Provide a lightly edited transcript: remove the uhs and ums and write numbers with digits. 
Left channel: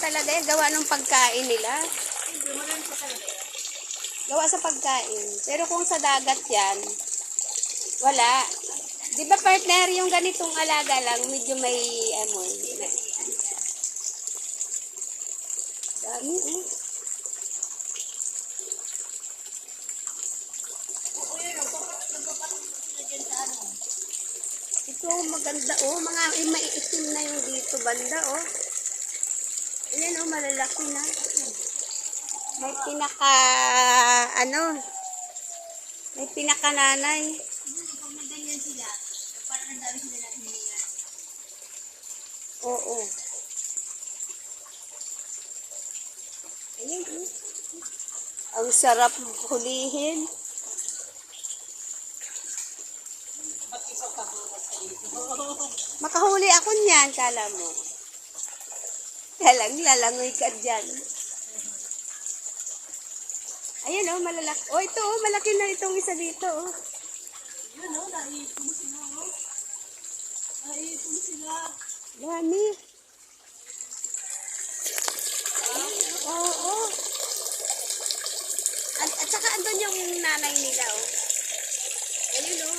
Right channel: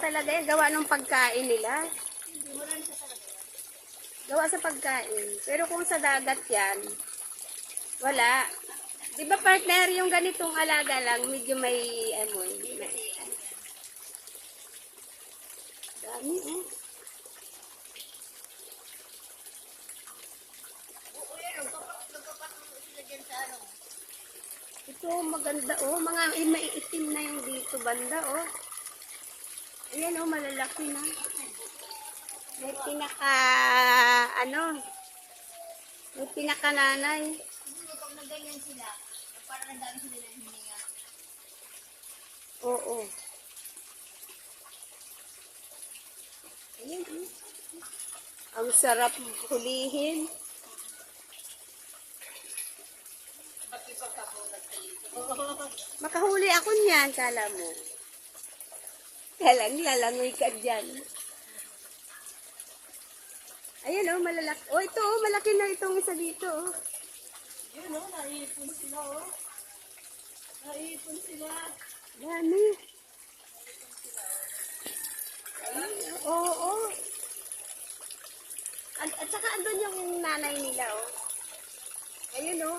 talaga yan. Gawa ng pagkain nila. Gawa sa pagkain. Pero kung sa dagat yan, wala. Di ba partner, yung ganitong alaga lang, medyo may amoy. Dami, oh. Ito, maganda, oh. Mga maiitim na yung dito banda, oh. Ayan, oh, malalaki na. May pinaka, may pinakananay. Pag nagganyan sila, parang ang dami sila na hininga. Oo. Ayan, oh. Ang sarap hulihin. Makahuli ako niyan, kala mo. Lalangoy ka dyan. Ayan, oh, malalaki. Oh, ito, oh, malaki na itong isa dito, oh. Yun, oh, naiipon sila, oh. Naiipon sila. Dami. Oo, oh. At saka andun yung nanay nila, oh. Ayun, oh.